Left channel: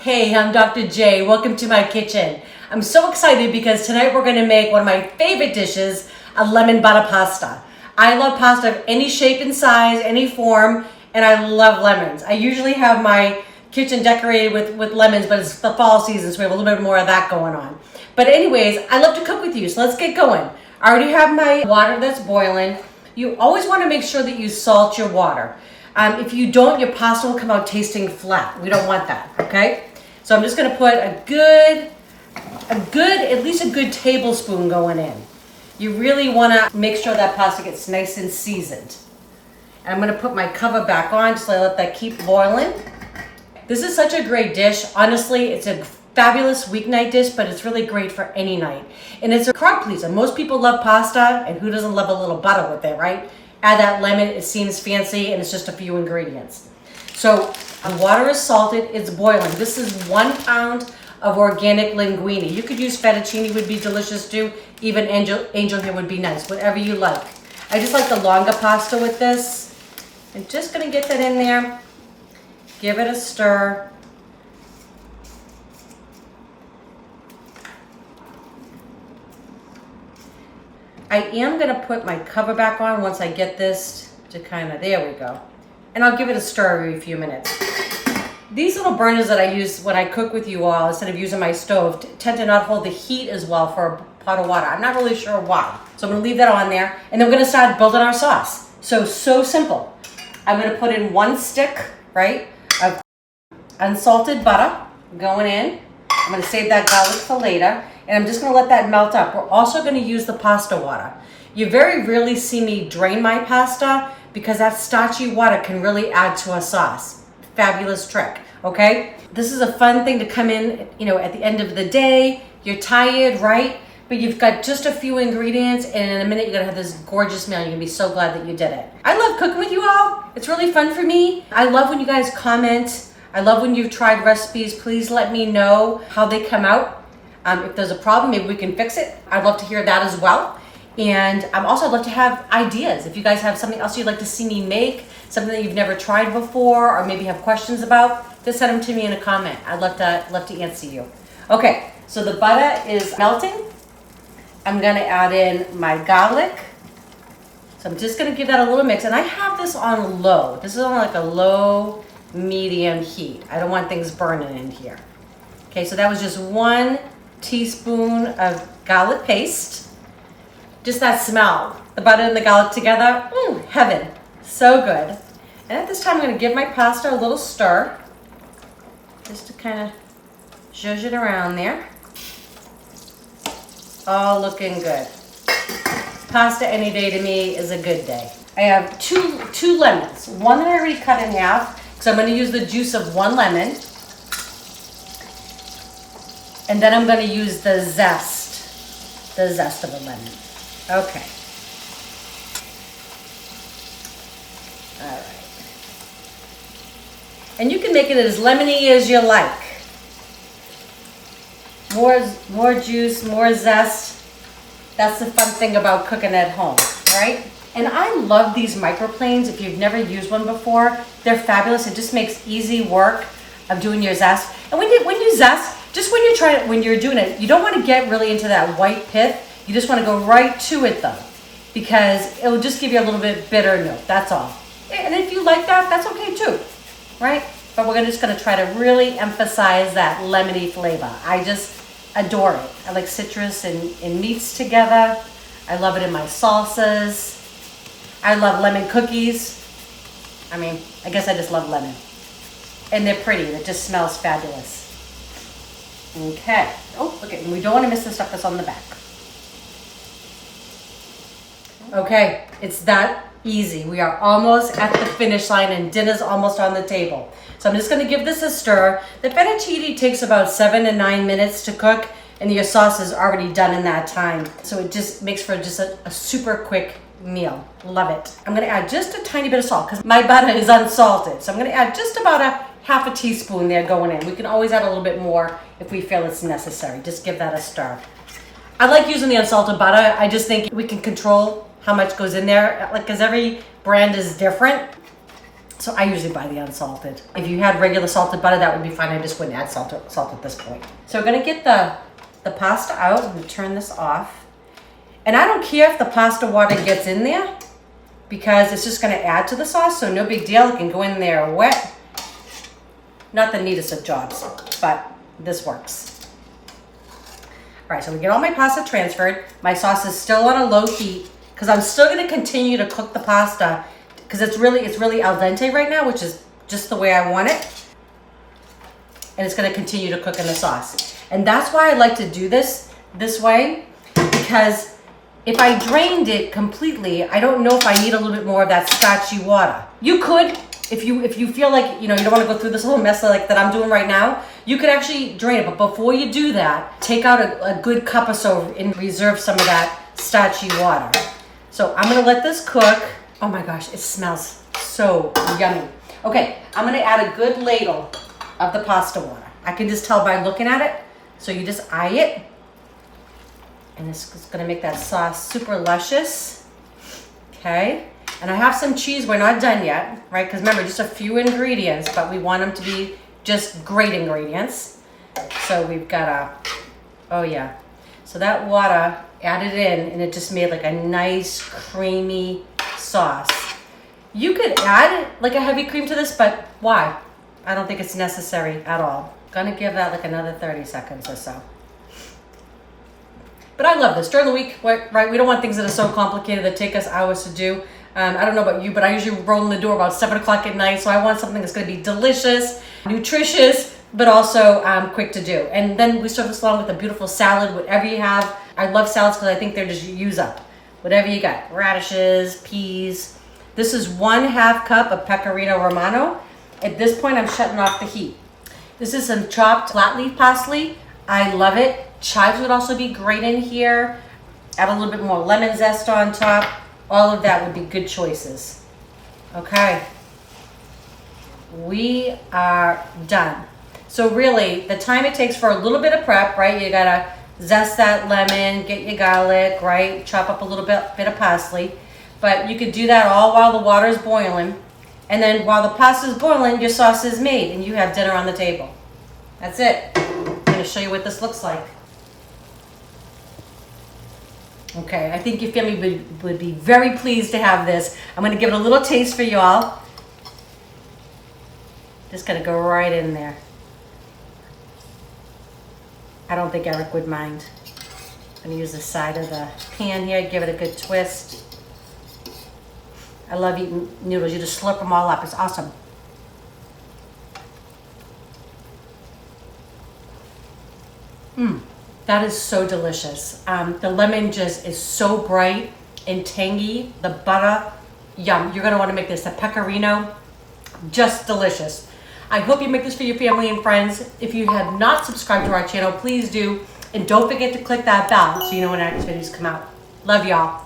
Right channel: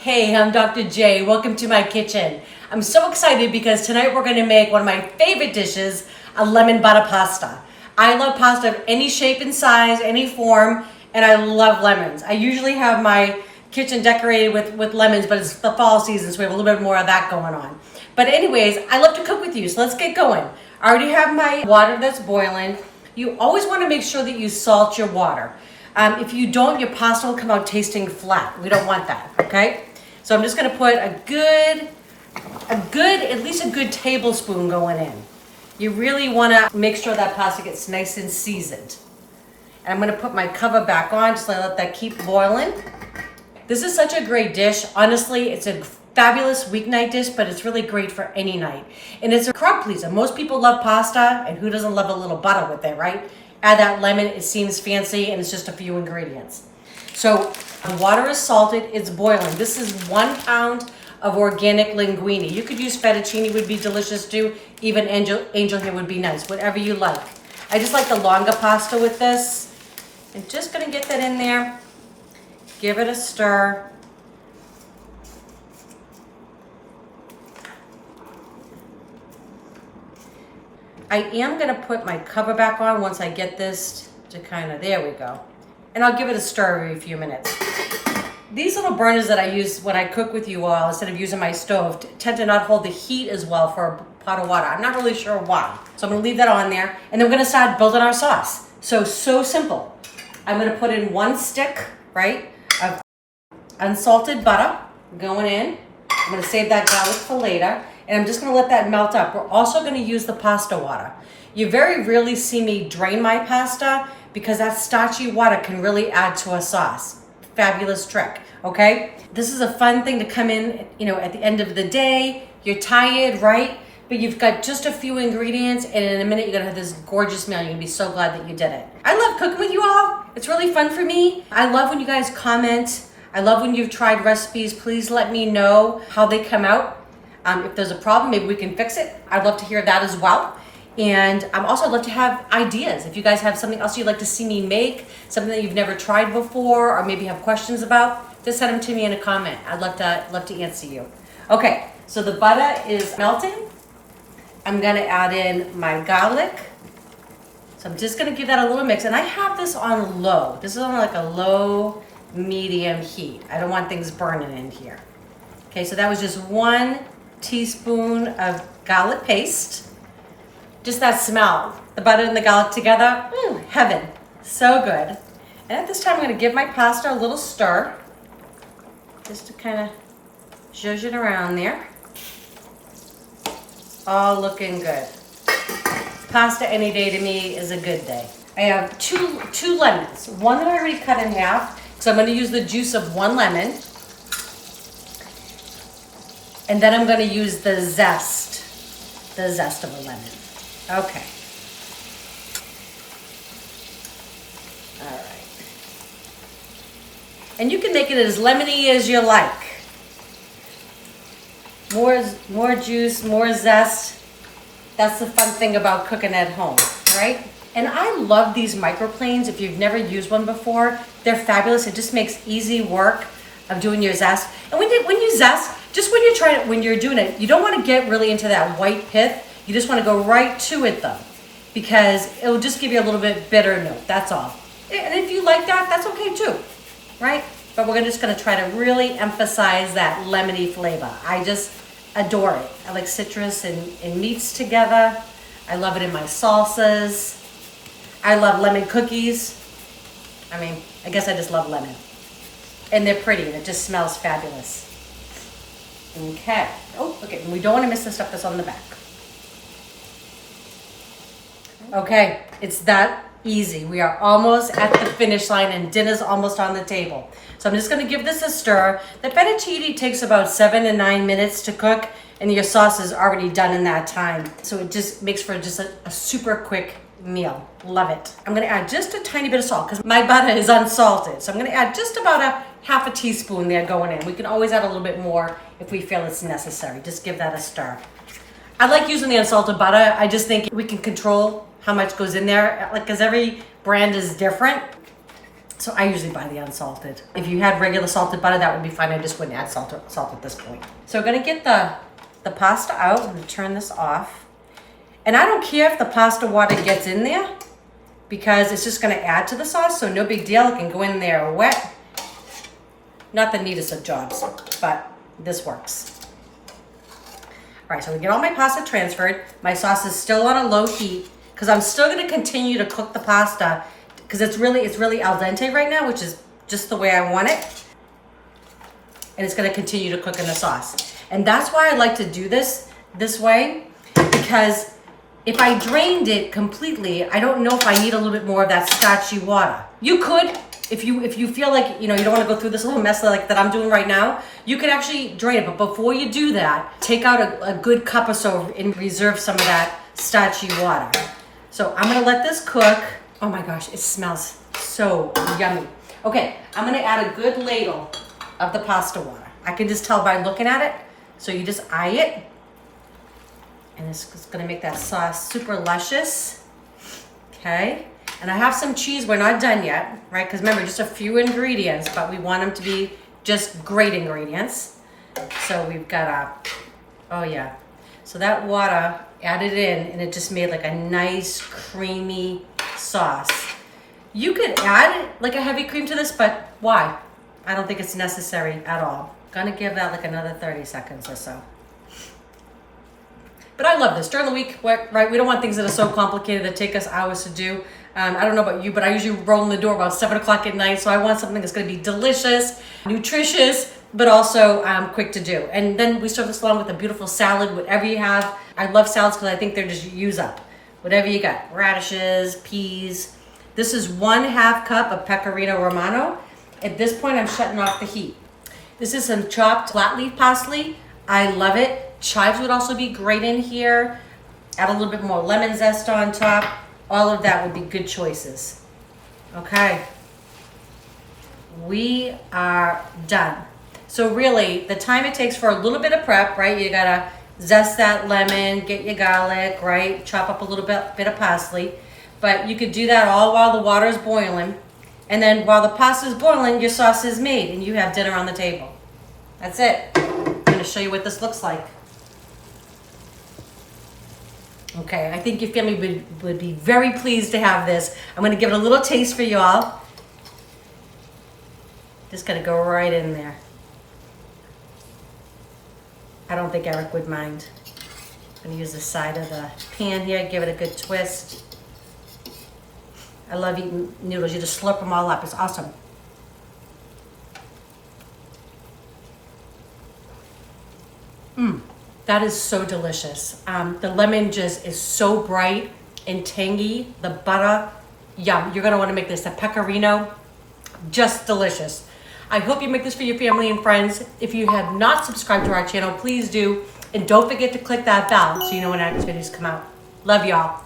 Hey, I'm Dr. J. Welcome to my kitchen. I'm so excited because tonight we're going to make one of my favorite dishes, a lemon butter pasta. I love pasta of any shape and size, any form, and I love lemons. I usually have my kitchen decorated with lemons, but it's the fall season, so we have a little bit more of that going on. But anyways, I love to cook with you, so let's get going. I already have my water that's boiling. You always want to make sure that you salt your water. If you don't, your pasta will come out tasting flat. We don't want that, okay? So I'm just gonna put at least a good tablespoon going in. You really wanna make sure that pasta gets nice and seasoned. And I'm gonna put my cover back on, just let that keep boiling. This is such a great dish. Honestly, it's a fabulous weeknight dish, but it's really great for any night. And it's a crowd pleaser. Most people love pasta, and who doesn't love a little butter with it, right? Add that lemon, it seems fancy, and it's just a few ingredients. So the water is salted, it's boiling. This is 1 pound of organic linguini. You could use fettuccine, would be delicious too. Even angel hair would be nice, whatever you like. I just like the longer pasta with this. I'm just gonna get that in there. Give it a stir. I am gonna put my cover back on once I get this to there we go. And I'll give it a stir every few minutes. These little burners that I use when I cook with you all, instead of using my stove, tend to not hold the heat as well for a pot of water. I'm not really sure why. So I'm gonna leave that on there, and then we're gonna start building our sauce. So simple. I'm gonna put in 1 stick, right, of unsalted butter going in. I'm gonna save that garlic for later, and I'm just gonna let that melt up. We're also gonna use the pasta water. You very rarely see me drain my pasta because that starchy water can really add to a sauce. Fabulous trick, okay? This is a fun thing to come in, at the end of the day. You're tired, right? But you've got just a few ingredients, and in a minute you're gonna have this gorgeous meal. You're gonna be so glad that you did it. I love cooking with you all. It's really fun for me. I love when you guys comment. I love when you've tried recipes. Please let me know how they come out. If there's a problem, maybe we can fix it. I'd love to hear that as well. And I'd love to have ideas. If you guys have something else you'd like to see me make, something that you've never tried before, or maybe have questions about, just send them to me in a comment. I'd love to answer you. Okay, so the butter is melting. I'm gonna add in my garlic. So I'm just gonna give that a little mix. And I have this on low. This is on like a low, medium heat. I don't want things burning in here. Okay, so that was just 1 teaspoon of garlic paste. Just that smell, the butter and the garlic together, heaven, so good. And at this time, I'm gonna give my pasta a little stir, just to kind of zhuzh it around there. All looking good. Pasta any day to me is a good day. I have two lemons, one that I already cut in half, because I'm gonna use the juice of 1 lemon. And then I'm gonna use the zest of a lemon. Okay. All right. And you can make it as lemony as you like. More juice, more zest. That's the fun thing about cooking at home, right? And I love these microplanes. If you've never used one before, they're fabulous. It just makes easy work of doing your zest. And when you zest, just when you're doing it, you don't want to get really into that white pith. You just want to go right to it though, because it will just give you a little bit bitter note, that's all. And if you like that, that's okay too, right? But we're just gonna try to really emphasize that lemony flavor. I just adore it. I like citrus and meats together. I love it in my salsas. I love lemon cookies. I guess I just love lemon. And they're pretty, and it just smells fabulous. Okay, and we don't want to miss the stuff that's on the back. Okay, it's that easy. We are almost at the finish line and dinner's almost on the table. So I'm just gonna give this a stir. The fettuccine takes about 7 to 9 minutes to cook, and your sauce is already done in that time. So it just makes for just a super quick meal. Love it. I'm gonna add just a tiny bit of salt because my butter is unsalted. So I'm gonna add just about a half a teaspoon there going in. We can always add a little bit more if we feel it's necessary. Just give that a stir. I like using the unsalted butter. I just think we can control how much goes in there, because every brand is different. So I usually buy the unsalted. If you had regular salted butter, that would be fine. I just wouldn't add salt at this point. So I'm gonna get the pasta out. I'm gonna turn this off. And I don't care if the pasta water gets in there because it's just gonna add to the sauce, so no big deal. It can go in there wet. Not the neatest of jobs, but this works. All right, so we get all my pasta transferred. My sauce is still on a low heat because I'm still gonna continue to cook the pasta because it's really al dente right now, which is just the way I want it. And it's gonna continue to cook in the sauce. And that's why I like to do this way, because if I drained it completely, I don't know if I need a little bit more of that starchy water. You could, if you feel like, you don't want to go through this little mess that I'm doing right now, you could actually drain it. But before you do that, take out a good cup or so and reserve some of that starchy water. So I'm gonna let this cook. Oh my gosh, it smells so yummy. Okay, I'm gonna add a good ladle of the pasta water. I can just tell by looking at it. So you just eye it. And this is gonna make that sauce super luscious. Okay, and I have some cheese. We're not done yet, right? Because remember, just a few ingredients, but we want them to be just great ingredients. So we've got oh yeah. So that water added in, and it just made like a nice creamy sauce. You could add like a heavy cream to this, but why? I don't think it's necessary at all. Gonna give that like another 30 seconds or so. But I love this. During the week, right, we don't want things that are so complicated that take us hours to do. I don't know about you, but I usually roll in the door about 7 o'clock at night, so I want something that's gonna be delicious, nutritious, but also quick to do. And then we serve this along with a beautiful salad, whatever you have. I love salads because I think they're just use up. Whatever you got, radishes, peas. This is 1/2 cup of pecorino Romano. At this point, I'm shutting off the heat. This is some chopped flat leaf parsley. I love it. Chives would also be great in here. Add a little bit more lemon zest on top. All of that would be good choices. Okay. We are done. So really, the time it takes for a little bit of prep, right? You gotta zest that lemon, get your garlic, right? Chop up a little bit of parsley. But you could do that all while the water is boiling. And then while the pasta is boiling, your sauce is made and you have dinner on the table. That's it. I'm gonna show you what this looks like. Okay, I think your family would be very pleased to have this. I'm gonna give it a little taste for y'all. Just gonna go right in there. I don't think Eric would mind. I'm gonna use the side of the pan here, give it a good twist. I love eating noodles. You just slurp them all up. It's awesome. That is so delicious. The lemon just is so bright and tangy. The butter, yum. You're gonna wanna make this. The pecorino, just delicious. I hope you make this for your family and friends. If you have not subscribed to our channel, please do. And don't forget to click that bell so you know when our next videos come out. Love y'all.